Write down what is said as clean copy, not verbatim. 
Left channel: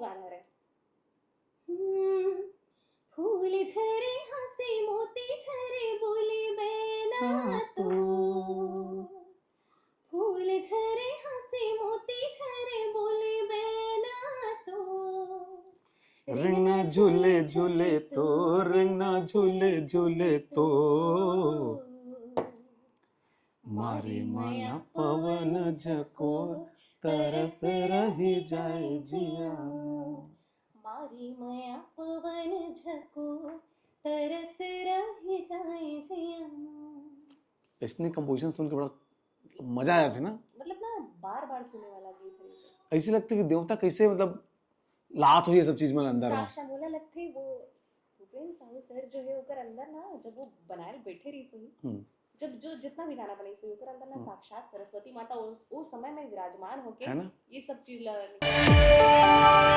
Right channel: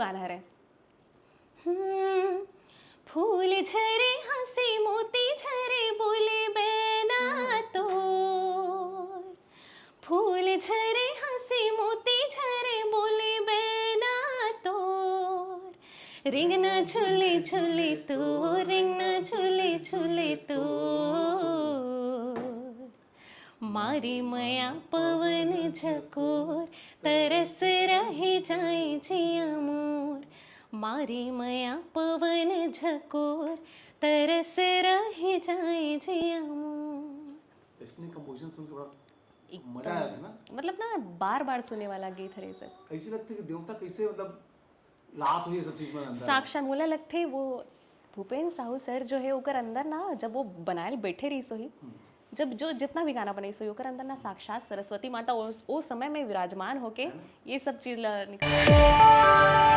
गाना है। फूल झरे हंसी मोती झरे बोले बेना तोर, फूल झरे हंसी मोती झरे बोले बेना तोर, रिंग ना झूले झूले तो, रिंग ना झूले झूले तो, मारी मया पवन झकोर, तरस रहे जाए जिया मोर, मारी मया पवन झकोर, तरस रहे जाए जिया मोर। इसने कंपोजिशन सुन के बड़ा मजा आया था ना, मतलब ना बार बार सुनने वाला गीत है सर। ऐसे लगता है कि देवता कैसे मतलब लात हो ये सब चीज में अंदर साक्षात मोला लगते वो भूपेन साहू सर जो है ओकर अंदर ना, जब वो बनाए बैठे रही सोही, जब जो जितना भी गाना बनाई सोही ओकर अंदर ना साक्षात सरस्वती माता उस समय में विराजमान होके ये सब चीज निकाल